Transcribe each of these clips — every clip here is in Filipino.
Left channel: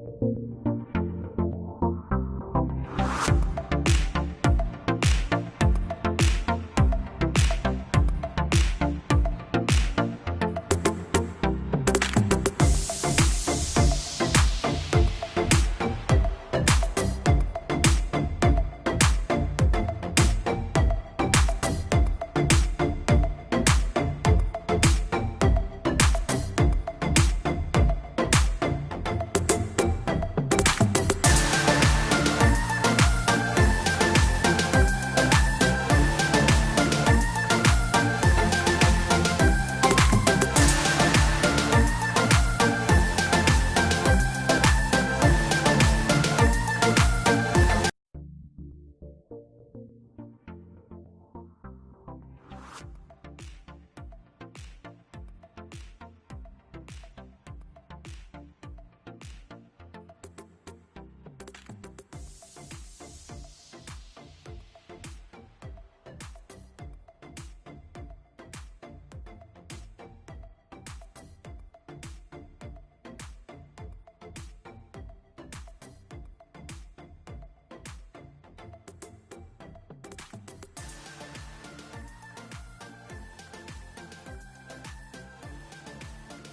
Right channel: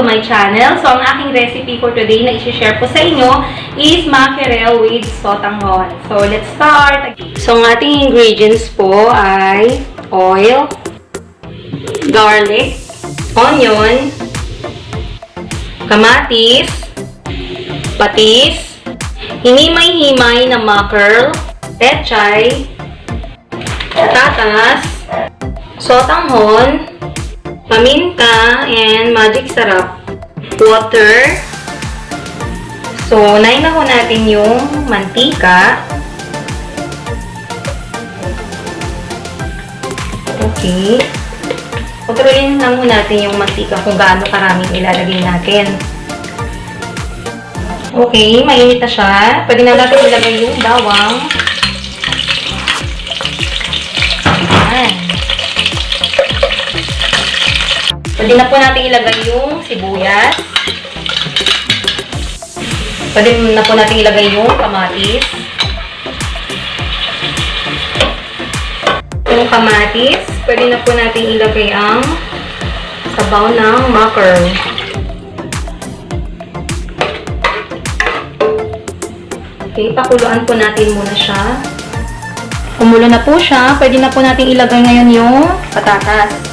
to my channel. So, ang aking recipe for today na i-share po sa inyo is mackerel with sotanghon. So, let's start. So, ang ating ingredients po ay oil, garlic, onion, kamatis, patis, hinimay-himay na mackerel, pechay, patatas, sotanghon, paminta, and magic sarap, water. So, unahin na po natin yung mantika. Okay. Kontrolin lang po natin yung mantika kung gaano karaming ilalagay natin. Okay, mainit na siya. Pwede na natin ilagay yung bawang. Ayan. Pwede na po natin ilagay yung sibuyas. Pwede na po natin ilagay yung kamatis. Yung kamatis, pwede na po natin ilagay ang sabaw ng mackerel. Okay, pakuluan po natin muna siya. Kumulo na po siya, pwede na po natin ilagay ngayon yung patatas.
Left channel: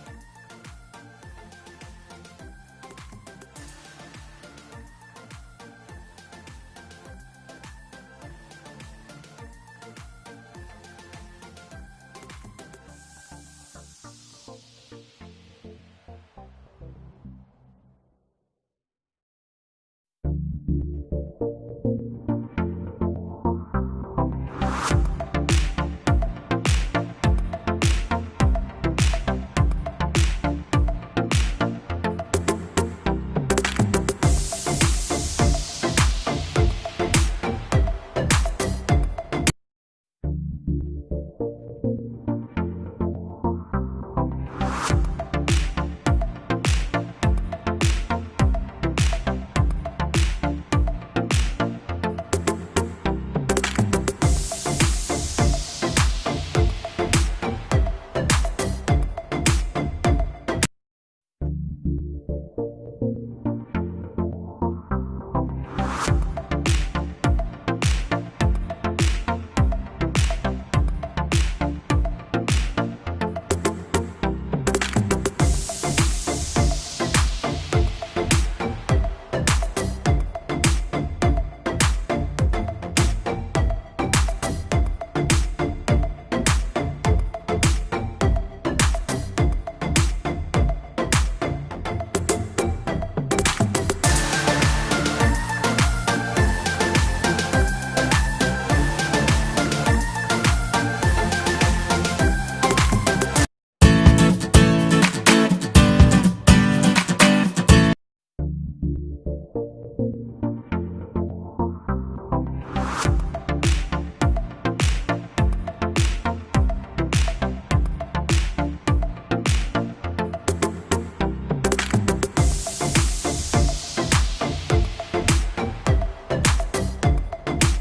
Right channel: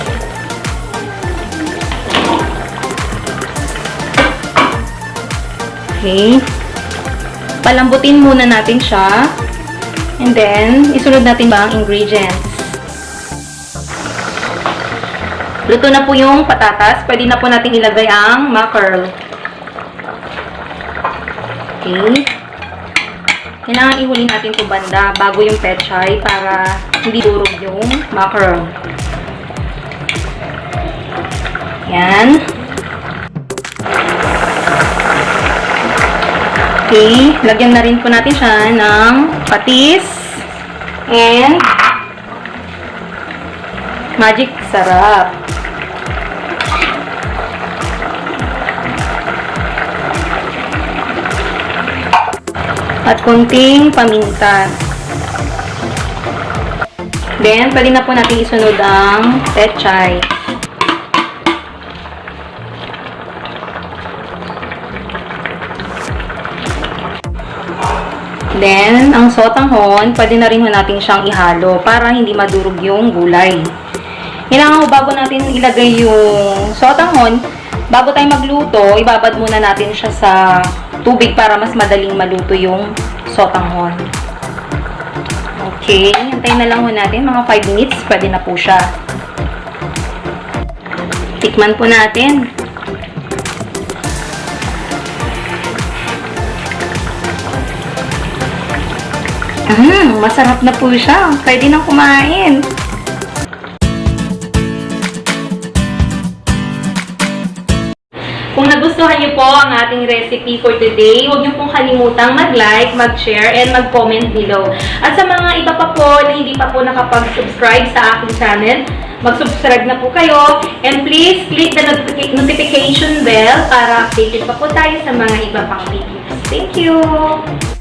Okay. Palambutin muna natin siya. And then, isunod natin ba ang ingredients. Luto na po yung patatas. Pwede na po natin ilagay ang mackerel. Okay. Kailangan ihuli natin ito banda bago yung pechay para hindi durog yung mackerel. Yan. Okay, lagyan na rin po natin siya ng patis and magic sarap. At konting paminta. Then, pwede na po natin isunod ang pechay. Then, ang sotanghon, pwede na rin natin siyang ihalo para hindi madurog yung gulay. Kailangan bago natin ilagay yung sotanghon, bago tayo magluto, ibabad muna natin siya sa tubig para mas madaling maluto yung sotanghon. Okay, hintayin na lang natin, mga 5 minutes, pwede na po siya. Tikman po natin. Masarap na po siya. Pwede nang kumain. Kung nagustuhan niyo po ang ating recipe for today, huwag niyo pong kalimutang mag-like, mag-share, and mag-comment below. At sa mga iba pa po na hindi pa po nakapag-subscribe sa aking channel, mag-subscribe na po kayo. And please, click the notification bell para updated pa po tayo sa mga iba pang videos. Thank you!